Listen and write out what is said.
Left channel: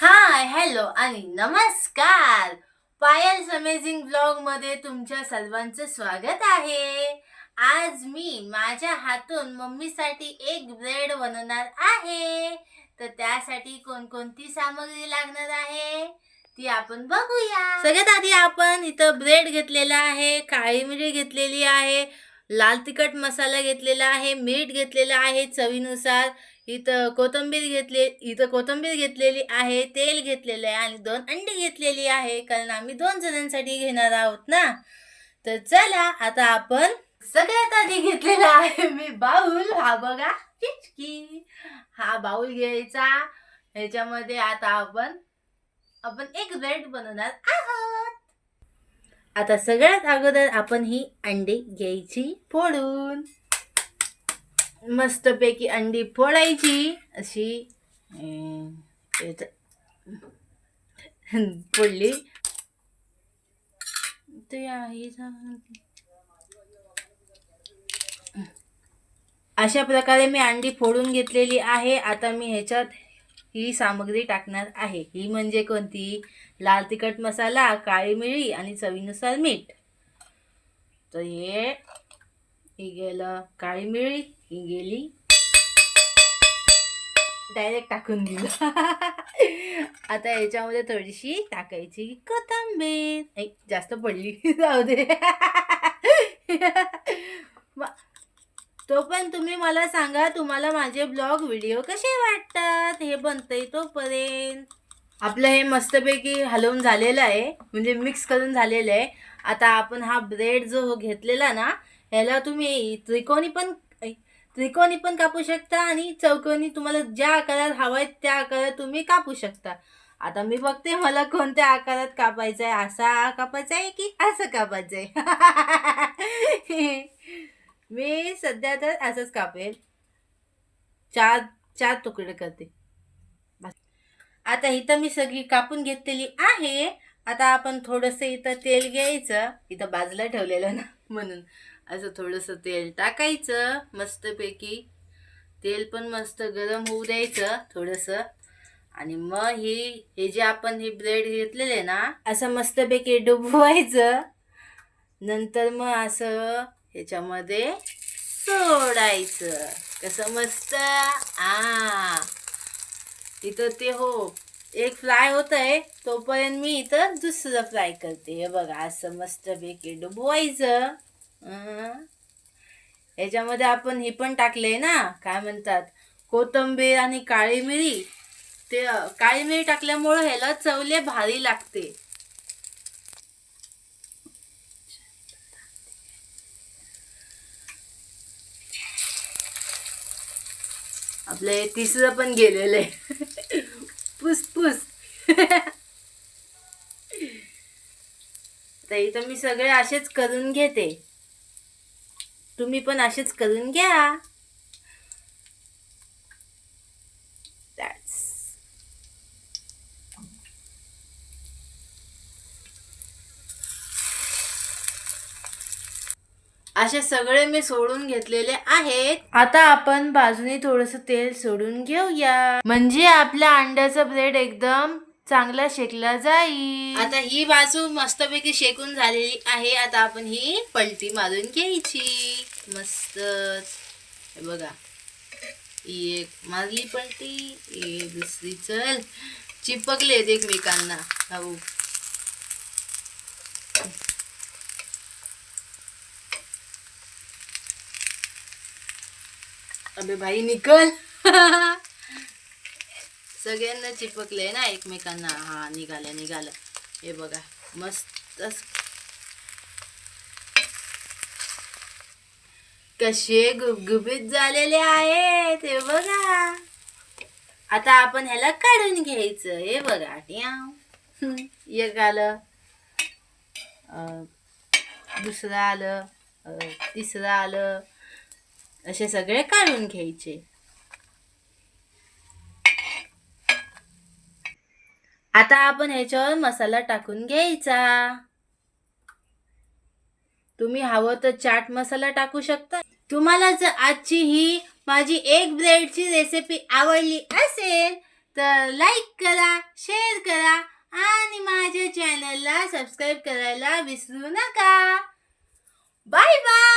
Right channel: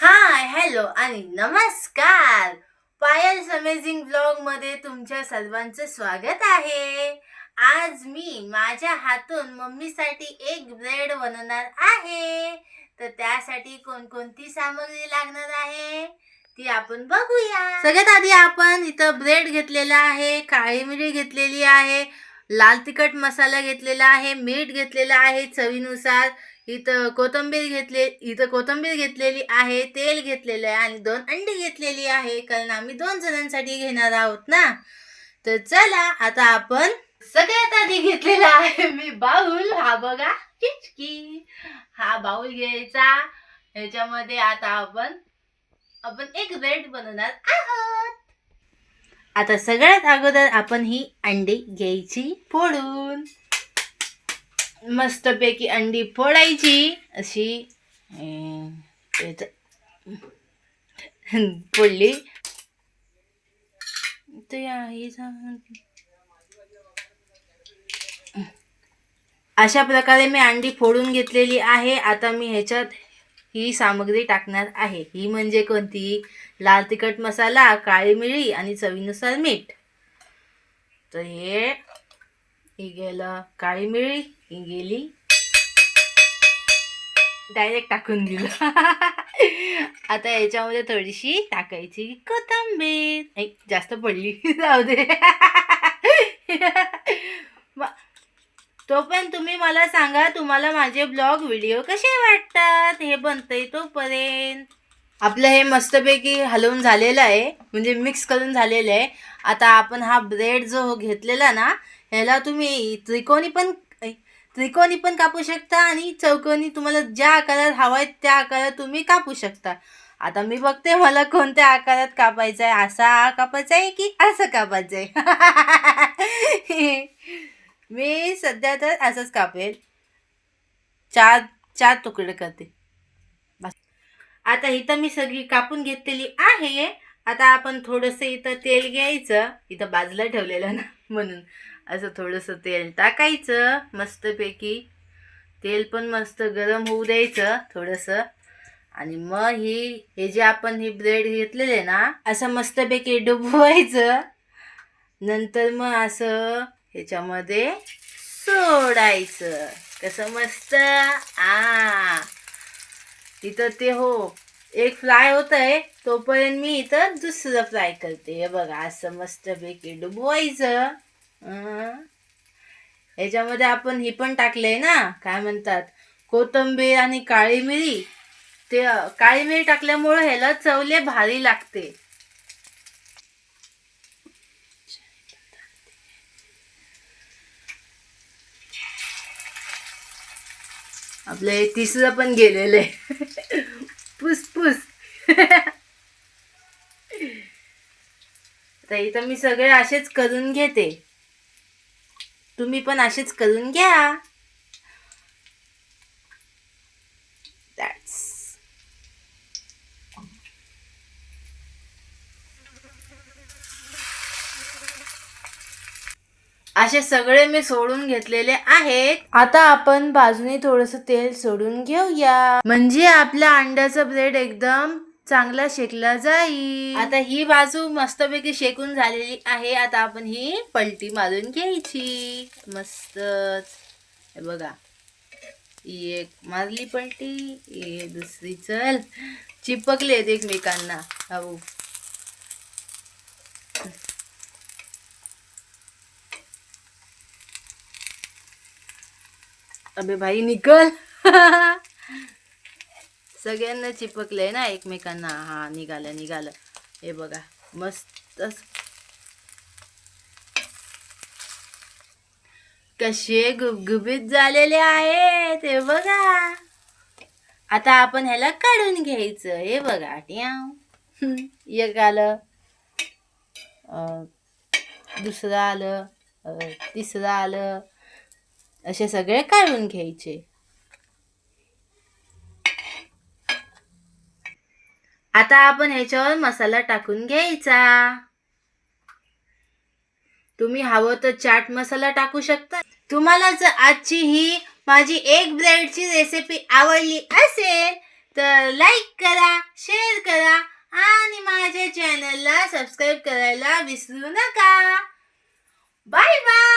हाय, hello आणि नमस्कार. Piles amazing blog मध्ये तुमच्या सर्वांचं स्वागत आहे. आज मी माझ्या हातून मम्मीसाठी एक ब्रेड बनवणार आहे. तर त्यासाठी कोणकोणती सामग्री लागणार आहे ती आपण बघूया. सगळ्यात आधी आपण इथं ब्रेड घेतलेला आहे, काळी मिरी घेतलेली आहे, लाल तिखट मसाला घेतलेला आहे, मीठ घेतलेलं आहे चवीनुसार. इथं कोथिंबीर घेतलेली आहे, तेल घेतलेलं आहे आणि 2 अंडी घेतलेली आहे, कारण आम्ही 2 जणांसाठी घेणार आहोत ना. तर चला आता आपण सगळ्यात आधी घेतलेला आहे मी बाउल. हा बघा, किचकी. हा बाउल घ्यायचा. ह्याच्यामध्ये आता आपण आपण एक ब्रेड बनवणार आहोत. आता सगळ्यात अगोदर आपण ही अंडी घ्यायची फोडून. मस्तपैकी अंडी फोडायची अशी. फोडली अशा प्रकारे मी अंडी फोडून घेतलेली आहे. आता मी ह्याच्यात ही सामग्री टाकणार आहे. ही म्हणजे कोणती? लाल तिखट मसाला, काळी मिरी आणि चवीनुसार मीठ. तर हे गेलं काळी मिरी, ही गेली, डायरेक्ट टाकून दिलं. आता याच्यामध्ये थोडीशी टाकायची कोथिंबीर. जास्त पडली, जाऊ दे. तोपर्यंत तुम्ही मला सांगा, तुम्हाला माझे ब्लॉग व्हिडिओ कसे वाटतात. हे बनतंय तोपर्यंत आपलं हे मस्तपैकी हलवून झालेलं आहे, म्हणजे मिक्स करून झालेलं आहे. आता आपण हा ब्रेड जो घेतलेला ना, ह्याला तुम्ही त्रिकोणी पण कापू शकता आणि चौकोनी, तुम्हाला ज्या आकारात हवा आहे त्या आकारात तुम्ही कापू शकता. आता मी बघते मला कोणत्या आकारात कापायचं आहे. असा कापायचा आहे की असं कापायचं आहे? मी सध्या तर असंच कापेल. चार चार तुकडे करते. आता इथं मी सगळी कापून घेतलेली आहे. आता आपण थोडंसं इथं तेल घ्यायचं. इथं बाजूला ठेवलेलं ना, म्हणून असं थोडंसं तेल टाकायचं मस्तपैकी. तेल पण मस्त गरम होऊ द्यायचं थोडंसं. आणि मग हे जे आपण हे ब्रेड घेतलेले ना, असं मस्तपैकी डुबवायचं. नंतर मग असं ह्याच्यामध्ये सोडायचं. कसं मस्त. इथं ते एक फ्राय होत आहे, तोपर्यंत मी इथं दुसरं फ्राय करते. हे बघा, असं मस्तपैकी डुबवायचं. ह्याच्यामध्ये आपण हे पण टाकलंय ना, काय म्हणतात, कोथिंबीर आणि काळी मिरी. ते काळी मिरी टाकल्यामुळे ह्याला चवले भारी लागते. आपलं हे तिसरं पण गेलेलं आहे. पुस. तर इथं मी सगळे असेच करून घेते. तुम्ही पण असेच करून घ्या. असे सगळे मी सोडून घेतलेले आहेत. आता आपण बाजूने थोडंसं तेल सोडून घेऊया, म्हणजे आपल्या अंड्याचा ब्रेड एकदम चांगला शेकला जाईल. आता ही बाजू मस्तपैकी शेकून झालेली आहे. आता आपण ही पलटी मारून घ्यायची मस्त. हे बघा, एक मारली पलटी, दुसरी. चल, चिपकले आहेत एकमेकांना. हो, अबे भाई निकल. सगळ्यांना चिपकलंय ना एकमेकांना. हा, निघालं. हे बघा, मस्त कसे गुबगुबीत झालेले आहेत. हे बघा. आता आपण ह्याला काढून घ्यायचं. हे बघा, एक आलं, दुसरं आलं, तिसरं आलं. असे सगळे काढून घ्यायचे. आता आपण ह्याच्यावर मसाला टाकून घ्यायचा. तुम्ही हवं तर चाट मसाला टाकू शकता. तुम्हाला जर आजची ही माझी एक ब्रेडची रेसिपी आवडली असेल तर लाईक करा, शेअर करा आणि माझ्या चॅनलला सबस्क्राईब करायला विसरू नका. Bye bye.